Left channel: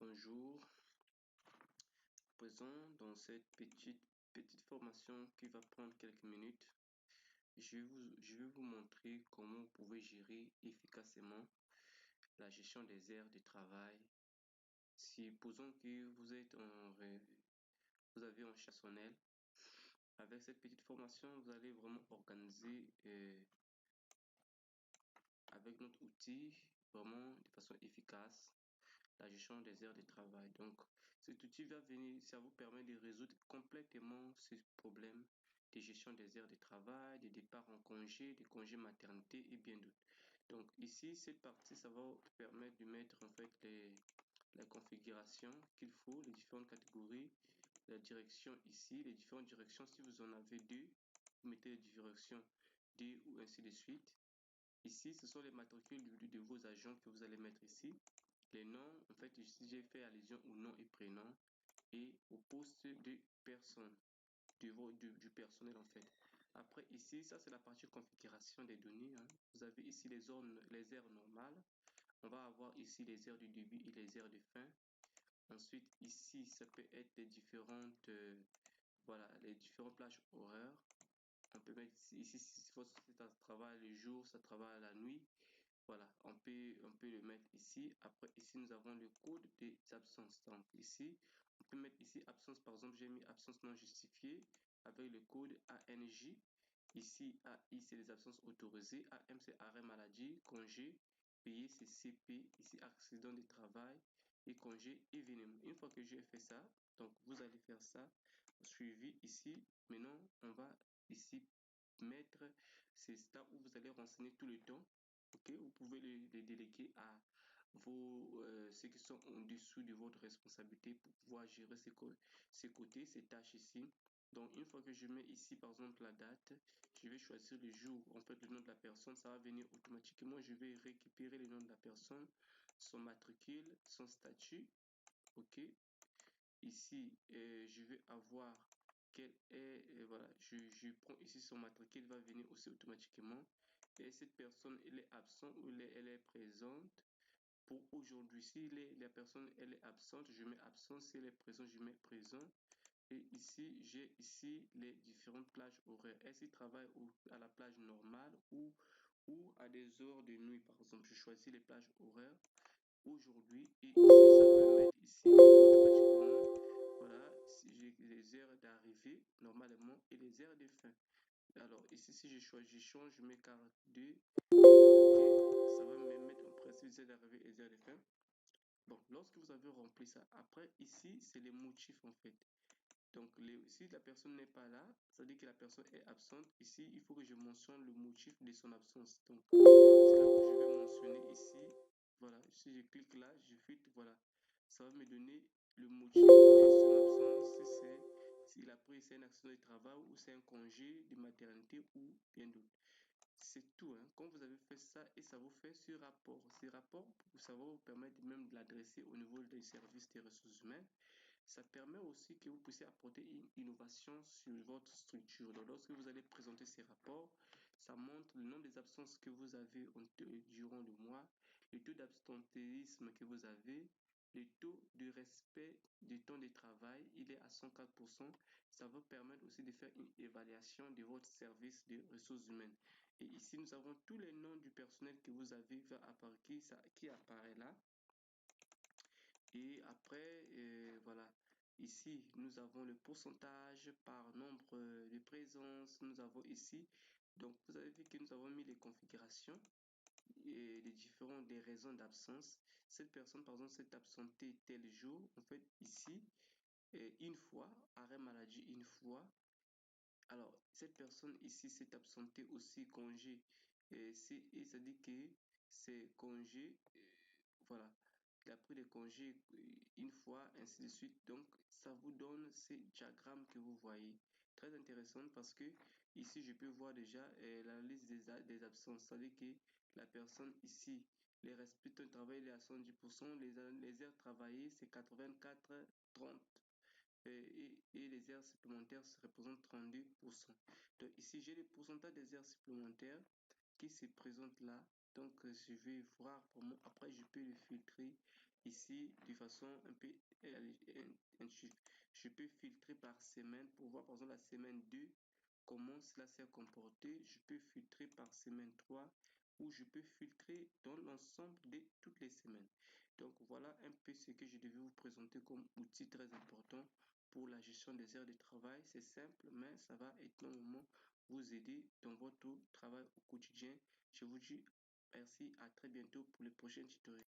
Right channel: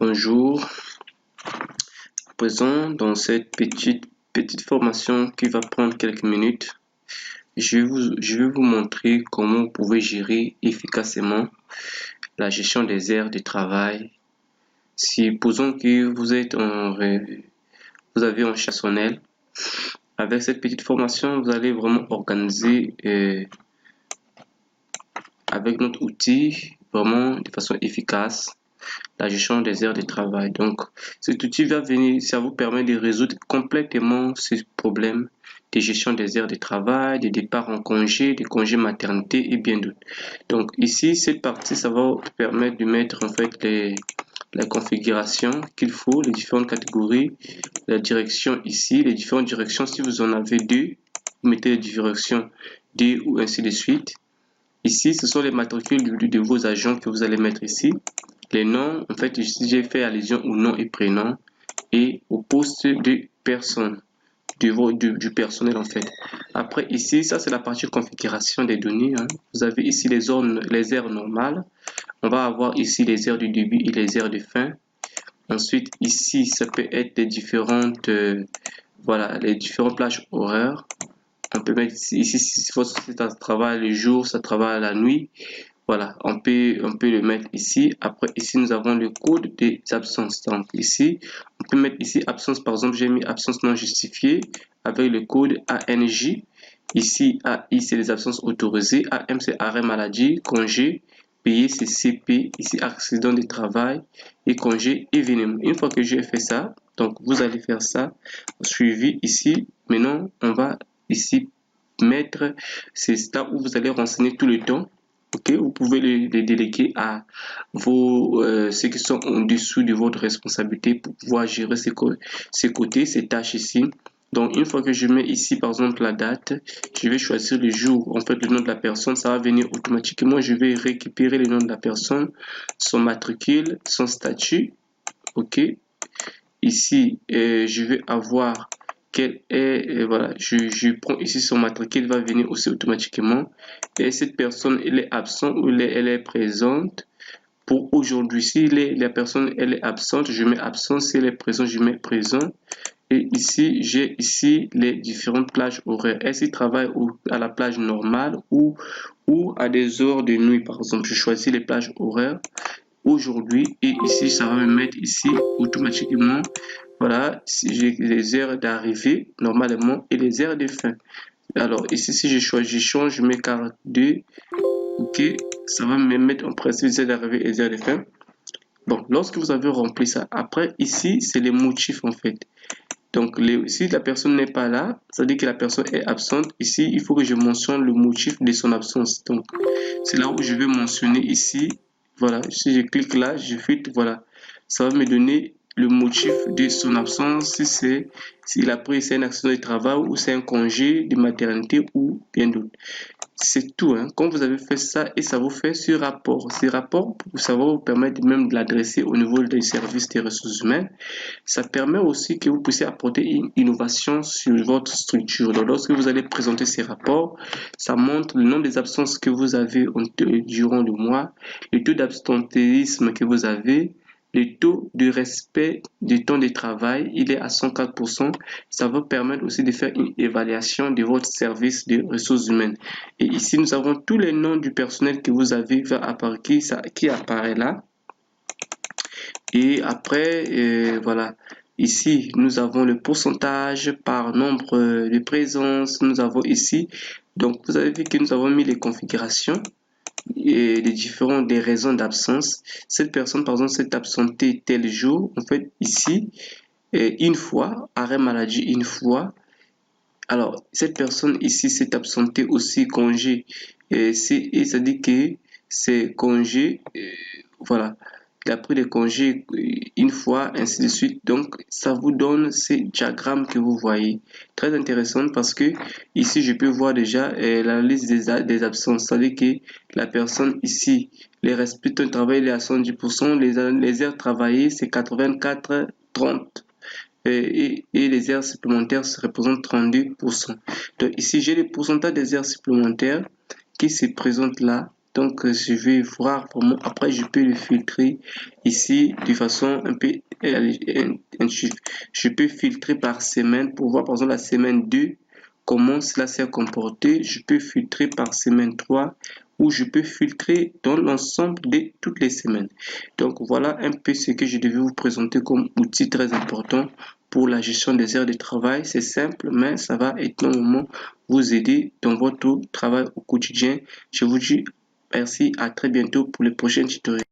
Bonjour, à présent dans cette petite formation qui va prendre quelques minutes, je vais vous montrer comment vous pouvez gérer efficacement la gestion des aires de travail. Supposons que vous avez un chassonnel. Avec cette petite formation, vous allez vraiment organiser avec notre outil vraiment de façon efficace la gestion des heures de travail. Donc, cet outil va venir, ça vous permet de résoudre complètement ce problème de gestion des heures de travail, de départ en congé, de congé maternité et bien d'autres. Donc, ici, cette partie, ça va vous permettre de mettre en fait la configuration qu'il faut, les différentes catégories, la direction ici, les différentes directions. Si vous en avez deux, vous mettez les directions D ou ainsi de suite. Ici, ce sont les matricules de vos agents que vous allez mettre ici. Les noms, en fait, ici, j'ai fait allusion au nom et prénom et au poste de personne, du personnel, en fait. Après, ici, ça, c'est la partie configuration des données. Vous avez ici les heures normales. On va avoir ici les heures du début et les heures de fin. Ensuite, ici, ça peut être les différentes, voilà, les différentes plages horaires. On peut mettre ici si votre société travaille le jour, ça travaille la nuit. Voilà, on peut le mettre ici. Après, ici, nous avons le code des absences. Donc, ici, on peut mettre ici absence. Par exemple, j'ai mis absence non justifiée avec le code ANJ. Ici, AI, c'est les absences autorisées. AM, c'est arrêt maladie, congé. Payé, c'est CP. Ici, accident de travail et congé événement. Une fois que j'ai fait ça, donc vous allez faire ça. Suivi ici. Maintenant, on va ici mettre, c'est là où vous allez renseigner tout le temps. Ok, vous pouvez les déléguer à ceux qui sont en dessous de votre responsabilité pour pouvoir gérer ces côtés, ces tâches ici. Donc, une fois que je mets ici, par exemple, la date, je vais choisir le jour, en fait, le nom de la personne, ça va venir automatiquement. Je vais récupérer le nom de la personne, son matricule, son statut. Ok, ici, je vais avoir quel est, voilà, je prends ici son matricule, va venir aussi automatiquement. Et cette personne, elle est absente ou elle est présente. Pour aujourd'hui, si la personne elle est absente, je mets absent. Si elle est présente, je mets présent. Et ici, j'ai ici les différentes plages horaires. Est-ce qu'il travaille à la plage normale ou à des heures de nuit, par exemple. Je choisis les plages horaires aujourd'hui et ici, ça va me mettre ici automatiquement. Voilà, si j'ai les heures d'arrivée normalement et les heures de fin. Alors ici, si je choisis, je change, je mets 42. Ok, ça va me mettre en principe les heures d'arrivée et les heures de fin. Bon, lorsque vous avez rempli ça, après ici, c'est les motifs en fait. Donc, si la personne n'est pas là, ça veut dire que la personne est absente. Ici, il faut que je mentionne le motif de son absence. Donc, c'est là où je vais mentionner ici. Voilà, si je clique là, je fais, voilà. Ça va me donner le motif de son absence, si s'il a pris c'est un accident de travail ou c'est un congé de maternité ou bien d'autres. C'est tout. Quand vous avez fait ça et ça vous fait ce rapport. Ce rapport, ça va vous permettre même de l'adresser au niveau des services des ressources humaines. Ça permet aussi que vous puissiez apporter une innovation sur votre structure. Donc, lorsque vous allez présenter ces rapports, ça montre le nombre des absences que vous avez durant le mois, le taux d'absentéisme que vous avez, le taux de respect du temps de travail, il est à 104%. Ça va permettre aussi de faire une évaluation de votre service de ressources humaines. Et ici, nous avons tous les noms du personnel que vous avez qui apparaît là. Et après, voilà, ici, nous avons le pourcentage par nombre de présences. Nous avons ici, donc vous avez vu que nous avons mis les configurations et des raisons d'absence. Cette personne, par exemple, s'est absentée tel jour. En fait, ici, une fois, arrêt maladie une fois. Alors, cette personne ici s'est absentée aussi congé. Et ça dit que c'est congé, voilà. Il a pris des congés une fois, ainsi de suite. Donc, ça vous donne ces diagrammes que vous voyez. Très intéressant parce que ici, je peux voir déjà la liste des absences. C'est-à-dire que la personne ici, les respects de travail, il est à 110%. Les heures travaillées, c'est 84, 30. Et les heures supplémentaires se représentent 32%. Donc ici, j'ai le pourcentage des heures supplémentaires qui se présentent là. Donc, je vais voir vraiment. Après, je peux le filtrer ici de façon un peu je peux filtrer par semaine pour voir par exemple la semaine 2 comment cela s'est comporté. Je peux filtrer par semaine 3 ou je peux filtrer dans l'ensemble de toutes les semaines. Donc voilà un peu ce que je devais vous présenter comme outil très important pour la gestion des heures de travail. C'est simple, mais ça va énormément vous aider dans votre travail au quotidien. Je vous dis merci, à très bientôt pour le prochain tutoriel.